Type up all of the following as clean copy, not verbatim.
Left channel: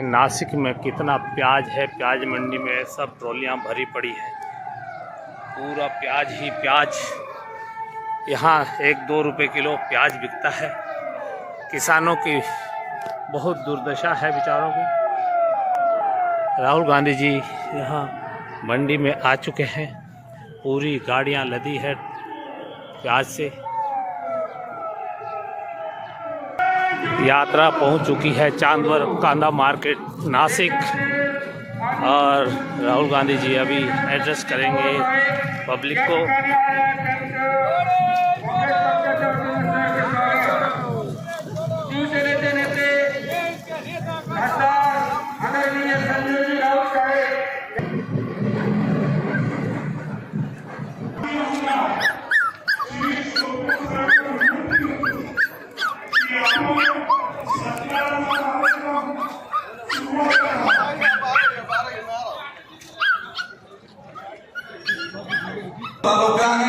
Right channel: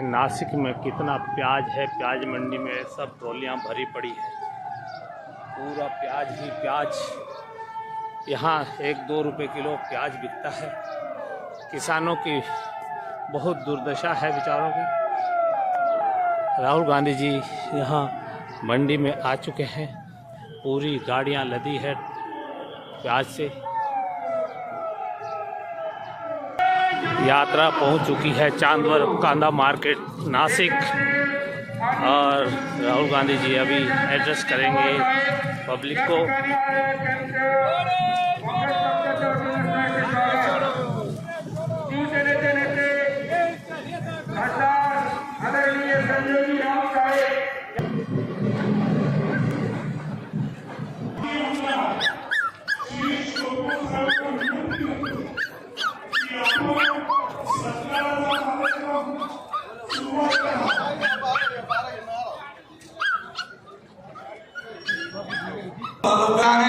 नासिक में कितना प्याज है। प्याज मंडी में सब ट्रॉलियाँ भरी पड़ी है, पूरा प्याज ही प्याज। यहाँ 1-2 रुपए किलो प्याज बिकता है। किसानों की बहुत दुर्दशा है बेचारों की। राहुल गांधी जी यहाँ मंडी में आ चुके हैं, पूरी गाड़ियाँ लदी है प्याज से। यात्रा पहुंच चुकी है चांदवर कांदा मार्केट नासिक, और राहुल गांधी जी अभी एड्रेस करेंगे पब्लिक को।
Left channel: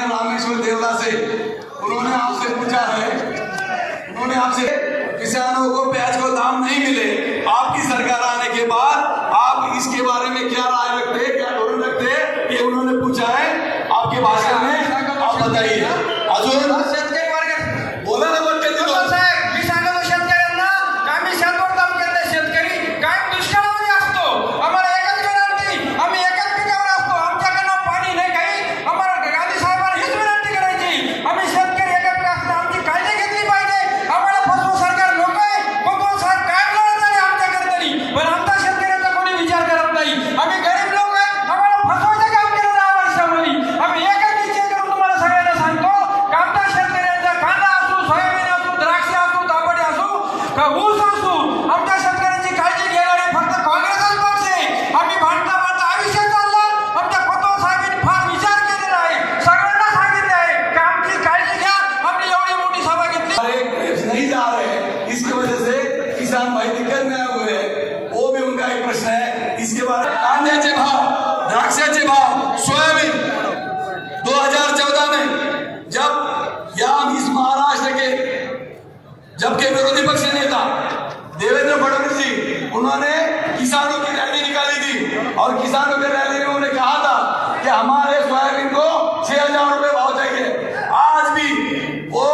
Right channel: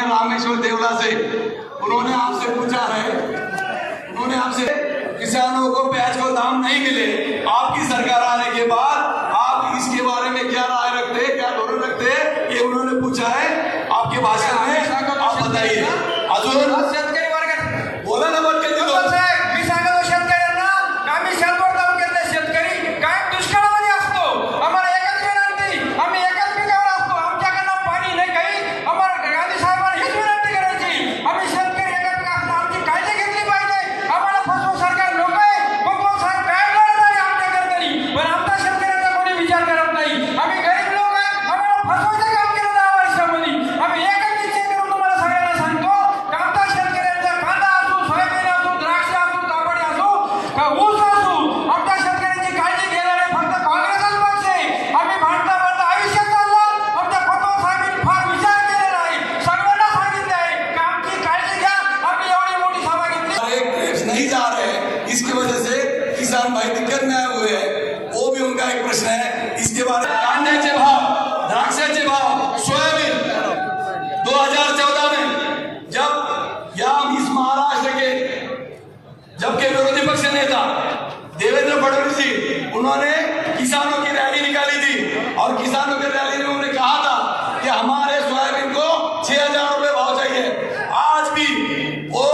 रामेश्वर देवला से उन्होंने आपसे पूछा है, उन्होंने आपसे किसानों को प्याज को दाम नहीं मिले, आपकी सरकार आने के बाद आप इसके बारे में क्या राय रखते हैं, क्या धोरण रखते हैं, ये उन्होंने पूछा है आपके भाषण में। आप बताइए। अजून बोला ना बच्चे जबकि विरोधी पक्ष नेता देवेंद्र फडणवीस जी उन्होंने किसानों की रैली निकाली थी, और किसानों की रैली में उन्होंने कहा था कि हमारे सोयाबीन को 6,000 रुपए भाव चाहिए। आज भी वो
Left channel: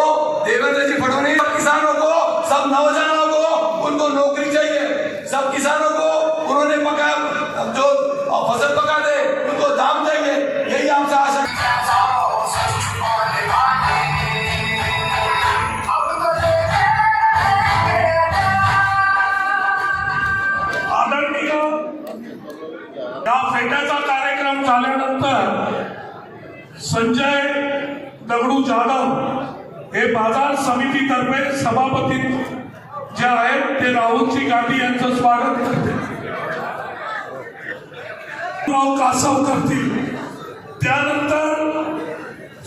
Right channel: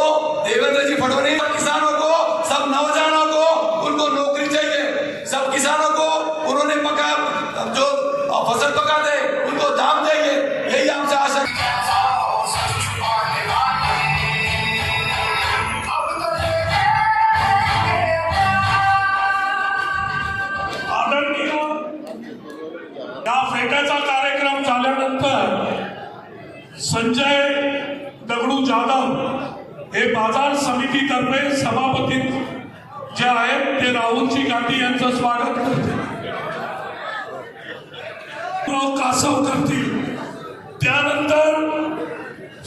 देवेंद्र जी फडणवीस किसानों को, सब नौजवानों को उनको नौकरी चाहिए, सब किसानों को उन्होंने पका जो फसल पकाते उनको दाम देंगे, यही आपसे आशा। कार्यक्रम झाल्यानंतर संजय दगडू जाधव हे बाजार समितीतर्फे सभापती जे आहेत ते राहुलजी गांधी यांचं स्वागत करतील, कासव करतील। त्यानंतर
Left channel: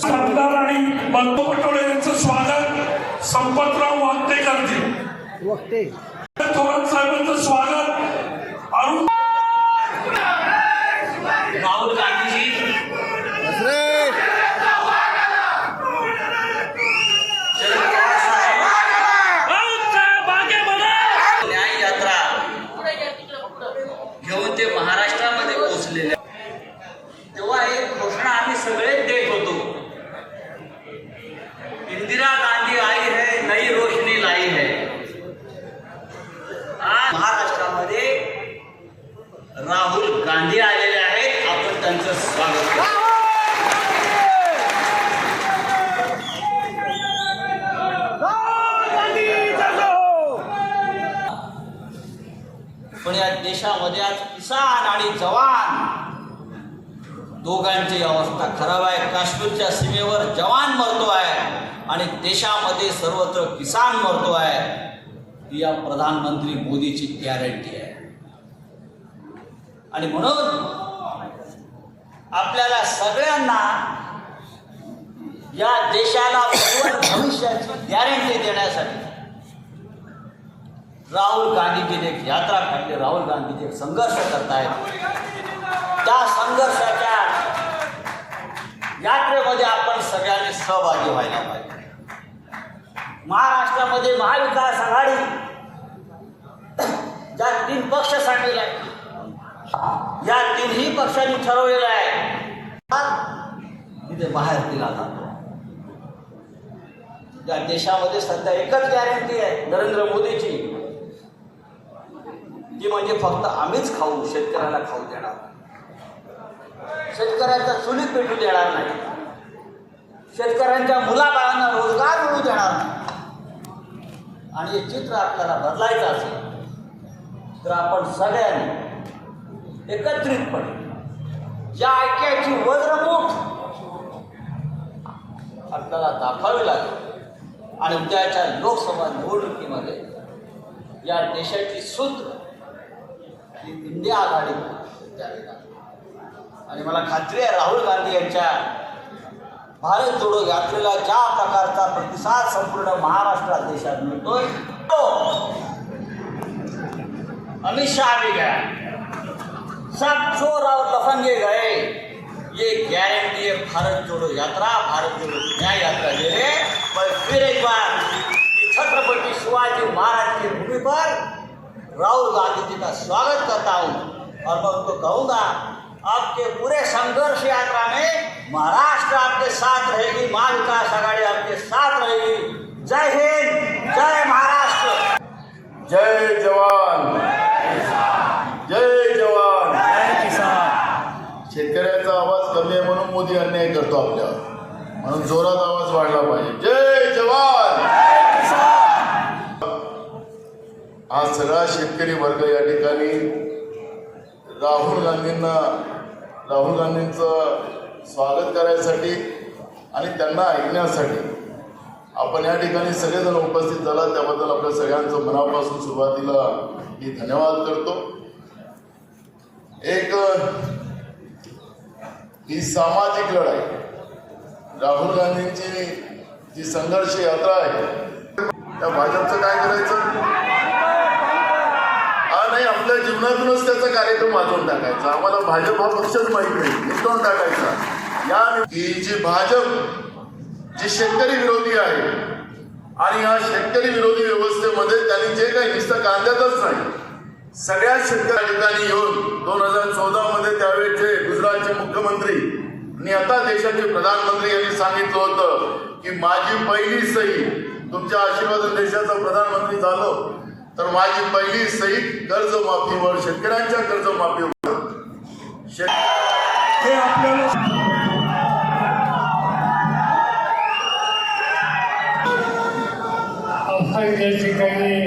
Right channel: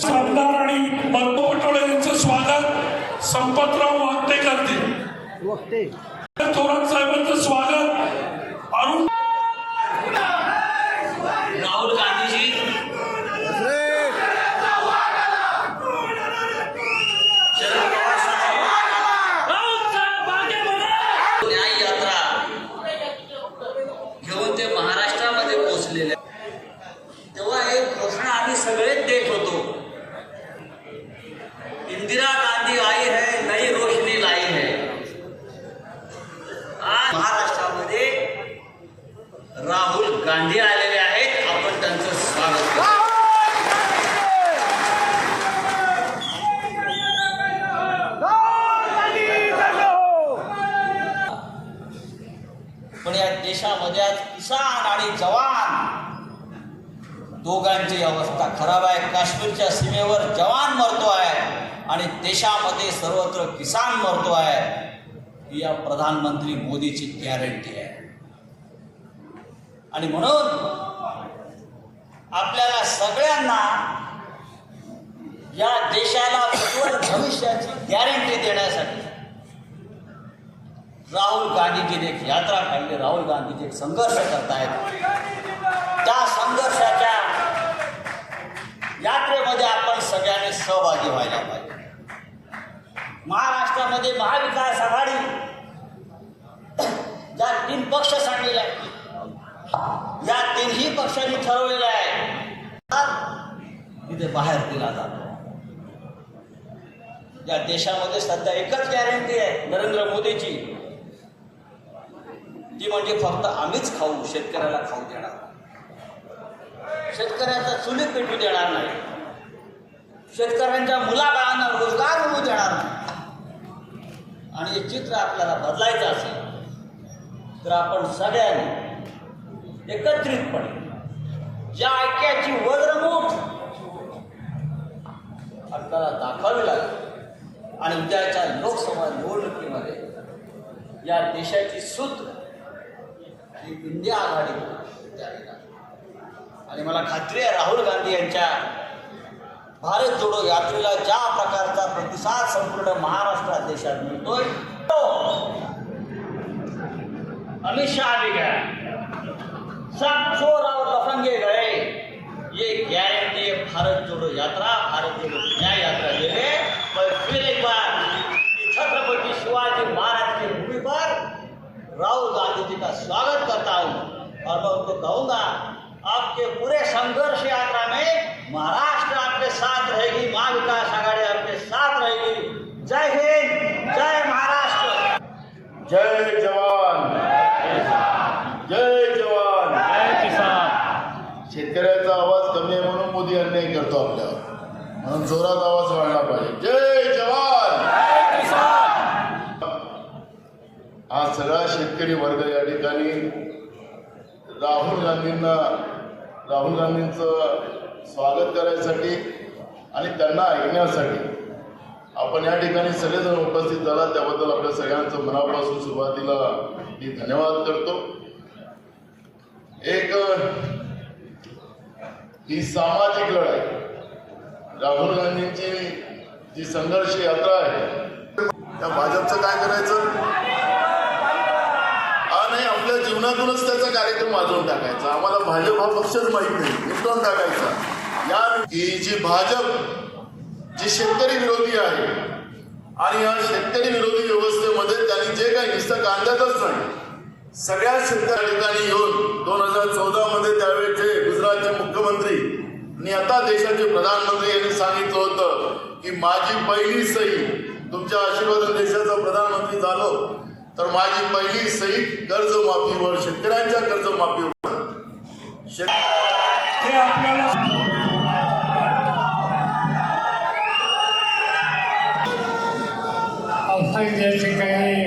सरदार आणि मल्लू पटोळे यांचं स्वागत संपतराव वागते करतील। थोरात साहेबांचं स्वागत राहुल गांधी जी न्याय यात्रा घेऊन ते महाराष्ट्रामध्ये पोहोचलेले, तेव्हा एक घोषणा आम्ही सगळेच देत होतो, इंदिरा गांधी आई है नई रोशनी लाई है। आज महाराष्ट्रामध्ये राहुल गांधी आलेले आहेत, आपण त्यांचं स्वागत करू। पण या देशामध्ये आज किसान आणि जवान दोघांची अवस्था खराब आहे। काश्मीरच्या सीमेवर जवान मरतो आहे आणि देशामध्ये सर्वत्र किसान मरतो आहे, ही या प्रधानमंत्री मोदीची गॅरंटी आहे। आणि म्हणून आपल्याला सगळ्यांना या देशाला भविष्याची गॅरंटी देण्यासाठी राहुल गांधीजी एक यात्रा काढली, राहुल गांधीजी एक संघर्ष करतायत। त्या संघर्षाच्या यात्रेमध्ये आपण सगळ्यांनी सहभागी व्हायला पाहिजे। महाराष्ट्रामध्ये महाविकास आघाडी ज्या 3 पक्ष या तिन्ही पक्षांनी ठरवलेलं आहे इथे बाहेर दिला जातो. या देशामध्ये सध्या एकच गॅरंटी आहे नरेंद्र मोदीची, ती म्हणजे फक्त आम्हीच खाऊ, शेतकऱ्याला खाऊ देणार, शेतकऱ्यांच्या चुलीत पेटू देणार नाही, शेतकऱ्यांच्या मुलाबाळांना रोजगार मिळू देणार नाही. आणि हे चित्र आपल्याला बदलायचं असेल तर आपण सगळ्यांनी एकत्रितपणे या ऐक्याची वज्रमूठ आपल्याला दाखवावी लागेल. आणि उद्याच्या लोकसभा निवडणुकीमध्ये या देशाची सूत्र ही इंडिया आघाडी द्यावी लागेल. आणि मला खात्री आहे राहुल गांधी यांच्या भारत जोडो यात्रेला ज्या प्रकारचा प्रतिसाद संपूर्ण महाराष्ट्रात देशात मिळतोय, अमित शाह भी गए, सब चोर और लफंगे गए, ये गारंटी है भारत जोड़ो यात्रा, भारत जोड़ो न्याय यात्रा ले रहे. मैं फिर एक बार छत्रपति शिवाजी महाराज की भूमि पर राहुल गांधी जी का स्वागत करता हूँ और मैं उनको कहूँगा आपके पूरे संघर्ष यात्रा में महाराष्ट्र आपके साथ रहेगी, महाविकास आघाड़ी आपके साथ रहेगी. जय हिंद, जय महाराष्ट्र. जय जवान, जय जवान, जय किसान. शेतकऱ्याचा आवाज कमी आहे म्हणून मोदी अन्याय करतो आपल्यावर, म्हणून जोरात आवाज वाढला पाहिजे. जय जवान. आज सगळा शेतकरी वर्ग या ठिकाणी राहुल गांधींचं स्वागत करायसाठी आणि त्यांना ऐकण्यासाठी आपण या ठिकाणी सगळेजण उपस्थित झाला, त्याबद्दल आपल्या सगळ्यांचं मनापासून सुरुवातीला मी धन्यवाद करतो. एक ही सामाजिक लढाई, राहुल गांधींची जी संघर्ष यात्रा आहे, त्या भाजपचं काय करायचं? नाही, आपल्या जीवनातूनच त्याचा कार्यक्रम वाजवून टाकायचा. आम्हाला भाजप हा पक्षच माहित नाही, निपटून टाकायचा. या की जी भाजप जी शेतकरी विरोधी आहे आणि या शेतकरी विरोधी व्यवस्थेमध्ये त्यांनी जे काही नुसतं कांद्यातच नाही, सगळ्या शेतकऱ्या ठिकाणी येऊन 2014 मध्ये त्यावेळेचे गुजरातचे मुख्यमंत्री आणि आता देशाचे प्रधानमंत्री यांनी सांगितलं होतं की माझी पहिली सही, तुमच्या आशीर्वादाने देशाचा प्रधानमंत्री झालो तर माझी पहिली सही कर्जमाफीवर, शेतकऱ्यांच्या कर्जमाफीवर. हे आपल्याला आपण या ठिकाणी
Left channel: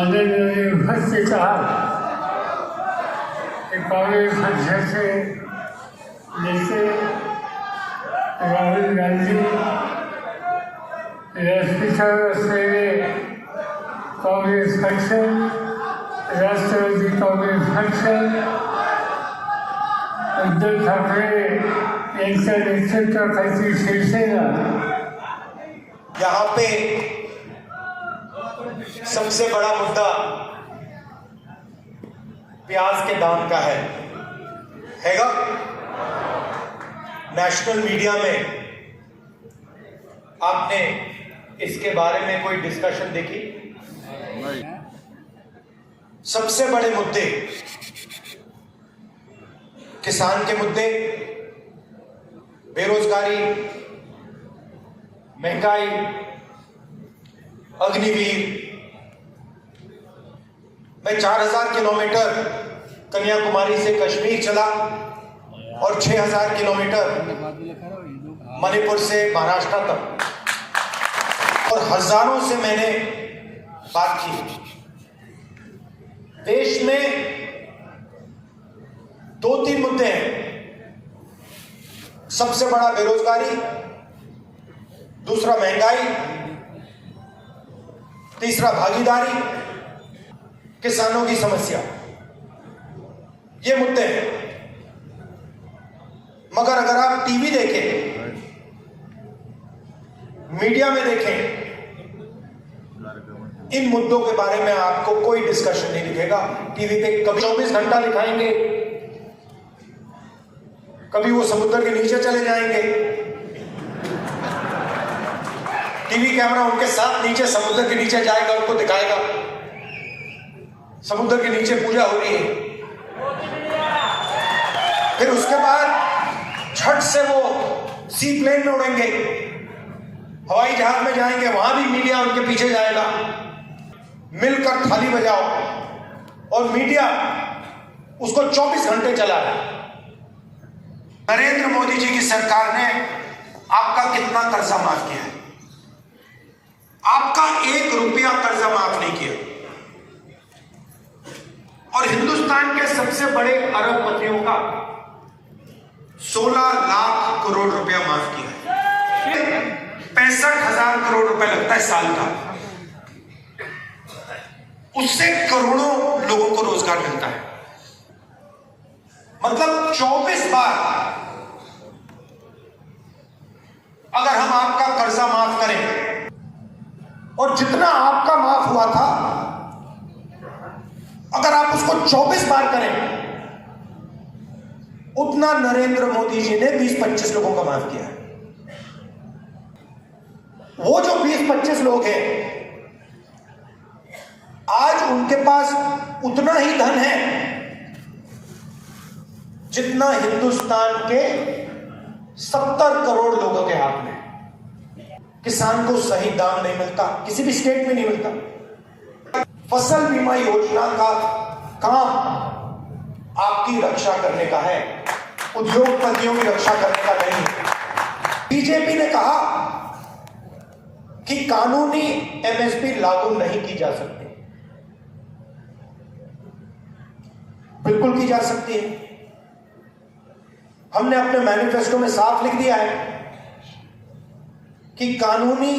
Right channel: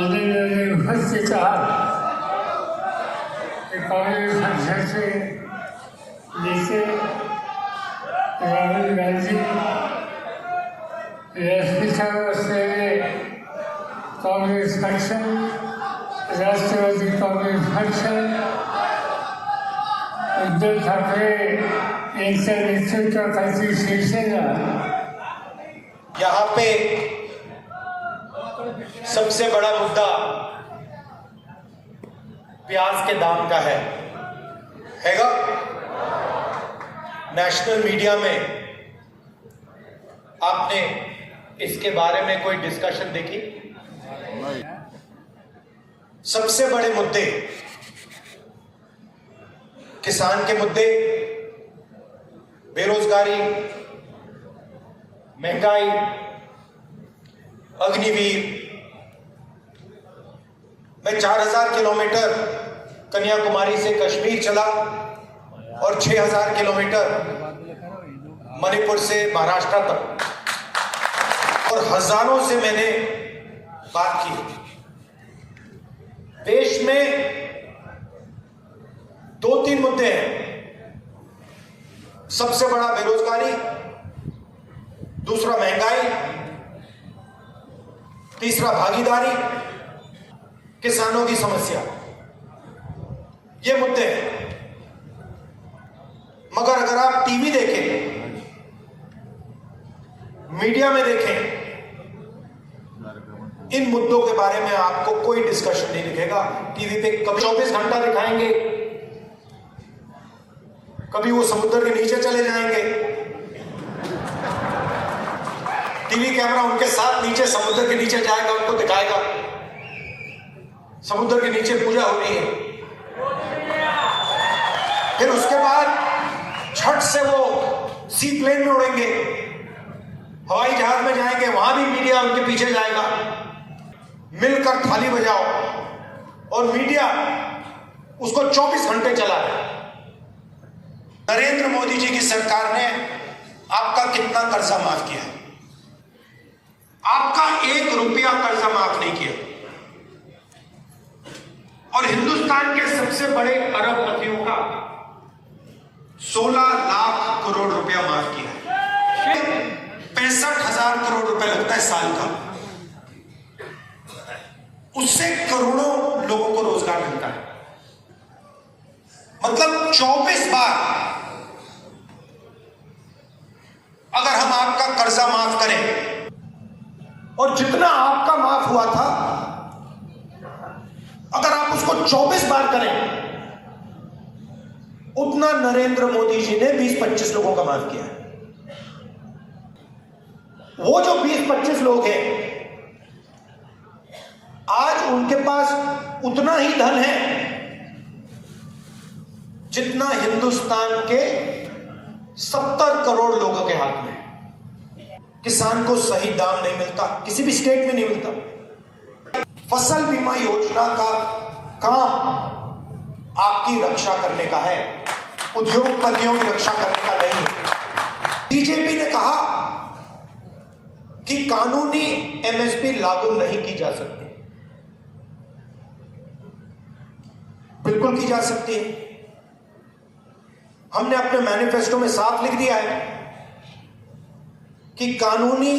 आलेले उपस्थित आहात हे काँग्रेस पक्षाचे नेते राहुल गांधी, व्यासपीठावर असलेले काँग्रेस पक्ष, राष्ट्रवादी काँग्रेस पक्ष, उद्धव ठाकरे यांच्या नेतृत्वाखाली शिवसेना. यहाँ पे सबसे बड़ा मुद्दा प्याज के दाम का हैगा. नेशनल मीडिया में आपने इसके बारे में कोई डिस्कशन देखी? सबसे बड़े मुद्दे किसान के मुद्दे, बेरोजगारी, महंगाई, अग्निवीर. मैं 4000 किलोमीटर कन्याकुमारी से कश्मीर चला और 6000 किलोमीटर मणिपुर से महाराष्ट्र तक, और हजारों से मैंने बात की. देश में 2-3 मुद्दे हैं. सबसे बड़ा बेरोजगारी, दूसरा महंगाई, तीसरा भागीदारी, किसानों की समस्या. ये मुद्दे हैं. मगर अगर आप टीवी देखें, मीडिया में देखें, इन मुद्दों के बारे में आपको कोई डिस्कशन नहीं दिखेगा. टीवी पे कभी 24 घंटा दिखाएंगे, कभी वो समुद्र के नीचे चले जाएंगे, टीवी कैमरा उनके साथ नीचे समुद्र के नीचे जाएगा, उनको दिखाएगा. समुद्र के नीचे पूजा हो रही है। फिर उसके बाद छठ से वो सी प्लेन में उड़ेंगे, हवाई जहाज में जाएंगे, वहां भी मीडिया उनके पीछे जाएगा। मिलकर थाली बजाओ, और मीडिया उसको 24 घंटे चला है। नरेंद्र मोदी जी की सरकार ने आपका कितना कर्जा माफ किया है? आपका 1 रुपया कर्जा माफ नहीं किया। और हिंदुस्तान के सबसे बड़े अरबपतियों का 16 लाख करोड़ रुपया माफ किया है। 65,000 करोड़ रुपए लगता है साल का, उससे करोड़ों लोगों को रोजगार मिलता है। मतलब 24 बार अगर हम आपका कर्जा माफ करें, और जितना आपका माफ हुआ था अगर आप उसको 24 बार करें, उतना नरेंद्र मोदी जी ने 20-25 लोगों का माफ किया। वो जो 20-25 लोग हैं, आज उनके पास उतना ही धन है जितना हिंदुस्तान के 70 करोड़ लोगों के हाथ में। किसान को सही दाम नहीं मिलता, किसी भी स्टेट में नहीं मिलता। फसल बीमा योजना का काम आपकी रक्षा करने का है, उद्योगपतियों की रक्षा करने का नहीं। बीजेपी ने कहा कि कानूनी एमएसपी लागू नहीं की जा सकती। बिल्कुल की जा सकती है। हमने अपने मैनिफेस्टो में साफ लिख दिया है कि कानूनी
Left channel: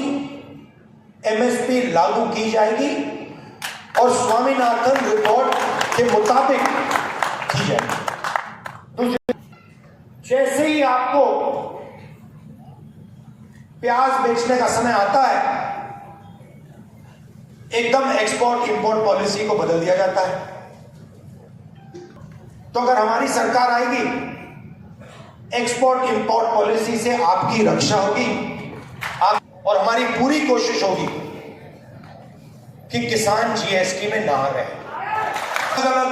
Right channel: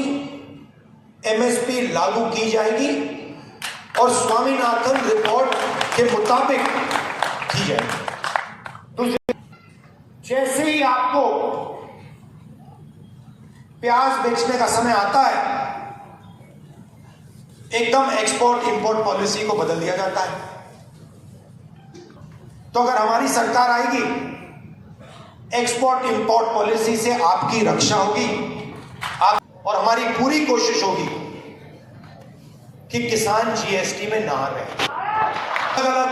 एमएसपी लागू की जाएगी और स्वामीनाथन रिपोर्ट के मुताबिक की जाएगी। दूसरी, जैसे ही आपको प्याज बेचने का समय आता है, एकदम एक्सपोर्ट इंपोर्ट पॉलिसी को बदल दिया जाता है। तो अगर हमारी सरकार आएगी, एक्सपोर्ट इंपोर्ट पॉलिसी से आपकी रक्षा होगी, और हमारी पूरी कोशिश होगी कि किसान जीएसटी में ना रहे। अलग अलग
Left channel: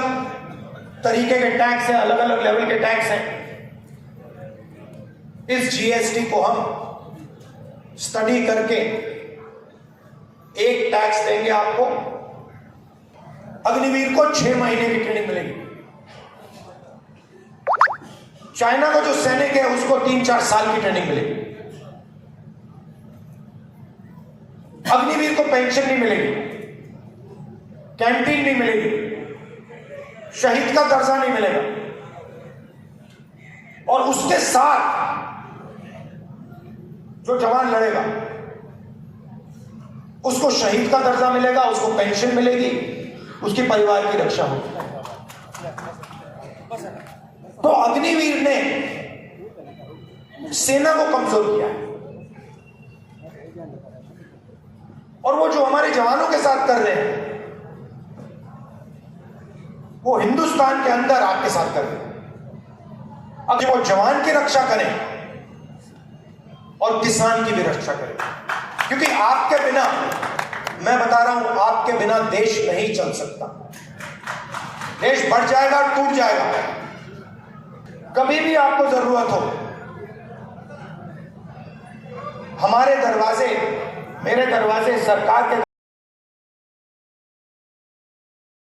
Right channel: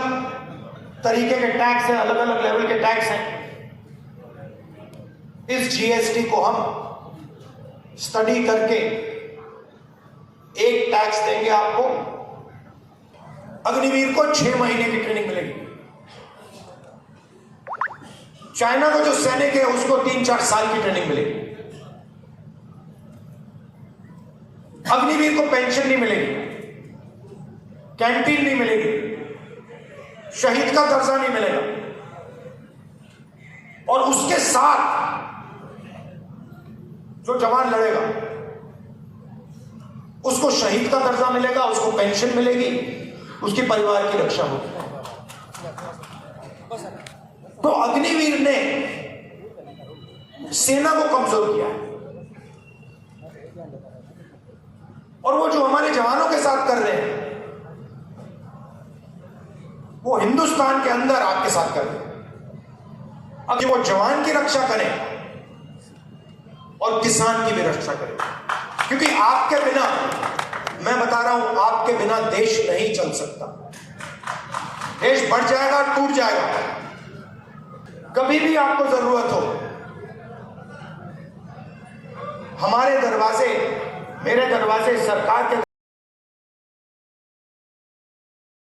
तरीके के टैक्स हैं, अलग अलग लेवल के टैक्स हैं। इस जीएसटी को हम स्टडी करके एक टैक्स देंगे आपको। अग्निवीर को 6 महीने की ट्रेनिंग मिलेगी। चाइना का जो सैनिक है उसको 3-4 साल की ट्रेनिंग मिलेगी। अग्निवीर को पेंशन नहीं मिलेगी, कैंटीन नहीं मिलेगी, शहीद का दर्जा नहीं मिलेगा, और उसके साथ जो जवान लड़ेगा उसको शहीद का दर्जा मिलेगा, उसको पेंशन मिलेगी, उसके परिवार की रक्षा होगी। तो अग्निवीर ने सेना को कमजोर किया है, और वो जो हमारे जवानों के साथ कर रहे हैं वो हिंदुस्तान के अंदर आपके साथ कर रहे हैं। अब वो जवान की रक्षा करें और किसान की भी रक्षा करें, क्योंकि आपके बिना, मैं बता रहा हूं, आपके बिना देश नहीं चल सकता। देश बढ़ जाएगा, टूट जाएगा। कभी भी आपको जरूरत हो, हमारे दरवाजे, मेरे दरवाजे, सरकार के